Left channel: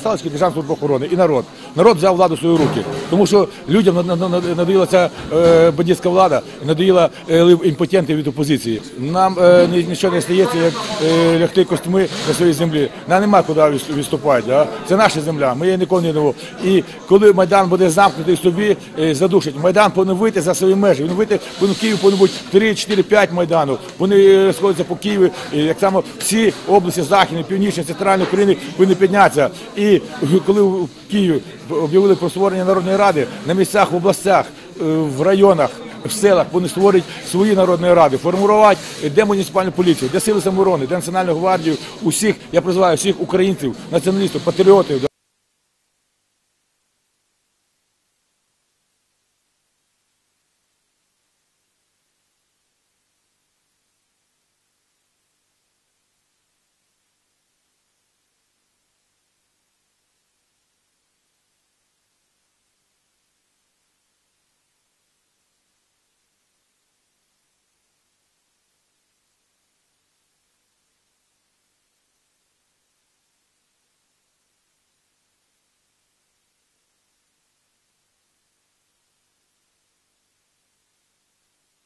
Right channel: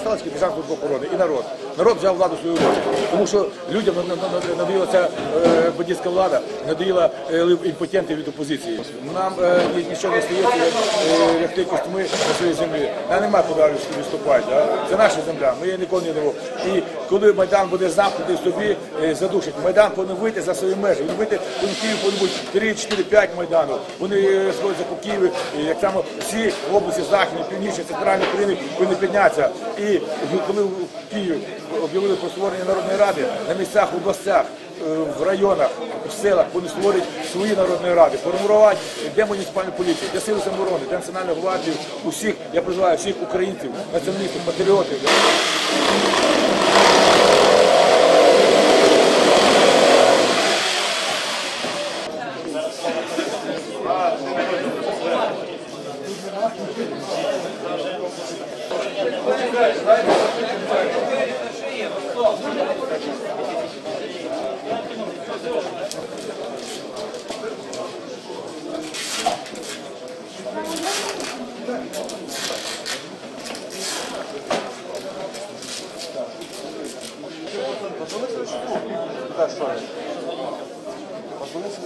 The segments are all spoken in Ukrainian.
осталось тільки Державна служба охорони і народ. Народ взяв владу в свої руки, тому що людям на- на- на- надоїла ця е, бандитська влада, надоїла е, імпотенти від опозиції. Нам е, нічого не стається, як лягти костюми на своїй землі. Нам нема куди відступати. Це наша земля, ми її ніколи не дамо. І коли Майдан буде замкнутий собі, задушить. Майдан повинен вийти за свої межі. Він вийти, повинен в Києві повинен бути 3, 4, 5 майданів. Вони сходяться по Києві, так само всі області Західної, Північної, Центральної України повинні піднятися. І коли в Києві об'явили про створення Народної на місцях, в областях, е, в районах, в селах вони створять свої народні ради, формувати де муніципальну поліцію, де сили самооборони, де національну гвардію, усіх, я призиваю всіх українців, націоналістів, патріотів. Можно с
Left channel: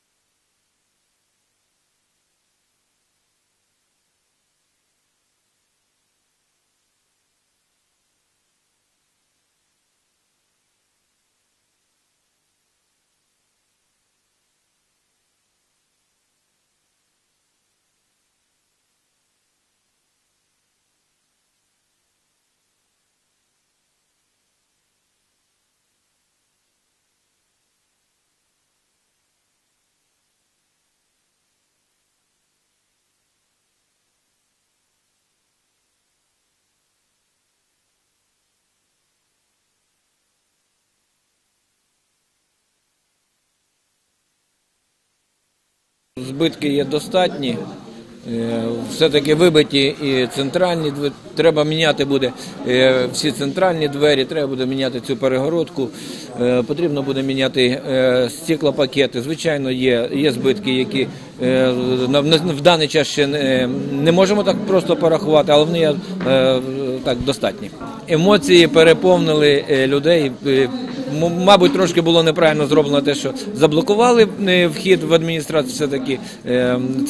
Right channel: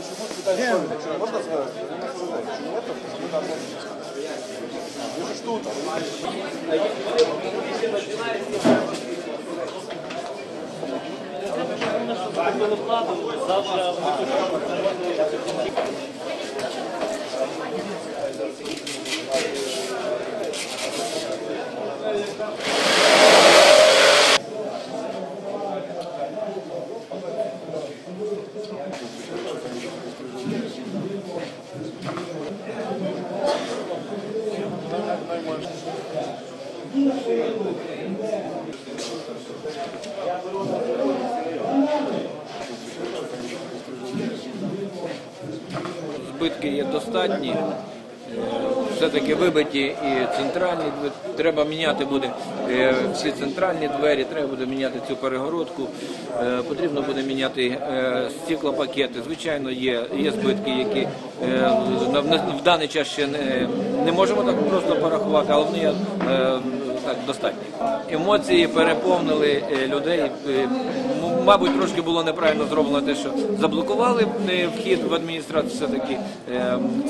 что там? Завтра Збитки є достатні. Е, Все-таки вибиті і центральні двері. Треба міняти буде е, всі центральні двері, треба буде міняти цю перегородку. Е, Потрібно буде міняти стеклопакети. Звичайно, є, є збитки, які в даний час ще не, можемо так просто порахувати, але вони так достатні. Емоції переповнили е, людей. Е, Мабуть, трошки було неправильно зроблено те, що заблокували е, вхід в адміністрацію. Все таки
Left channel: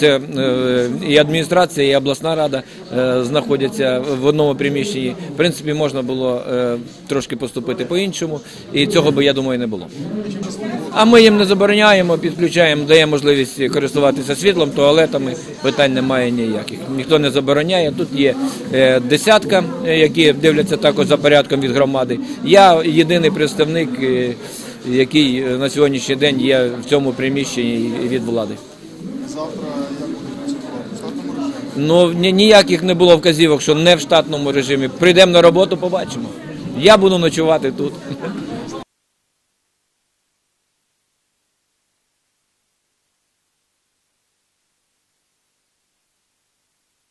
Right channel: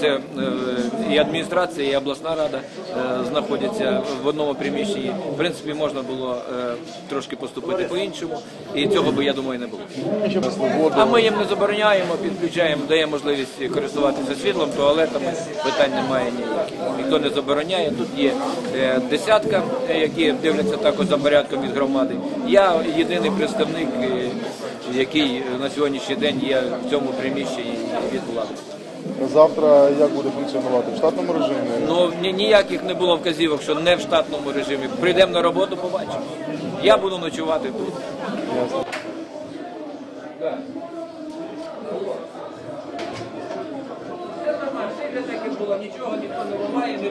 це е, і адміністрація, і обласна рада е, знаходяться в одному приміщенні. В принципі, можна було е, трошки поступити по-іншому, і цього би я думаю не було. А ми їм не забороняємо, підключаємо, даємо можливість користуватися світлом, туалетами. Питань немає ніяких. Ніхто не забороняє. Тут є е, десятка, е, які дивляться також за порядком від громади. Я єдиний представник, е, Е, який е, на сьогоднішній день є в цьому приміщенні від влади. Завтра як буде функціонувати в штатному режимі? Ну ніяких не було вказівок, що не в штатному режимі. Прийдемо на роботу, побачимо. Я буду ночувати тут. Нічого ніхто не ламає, не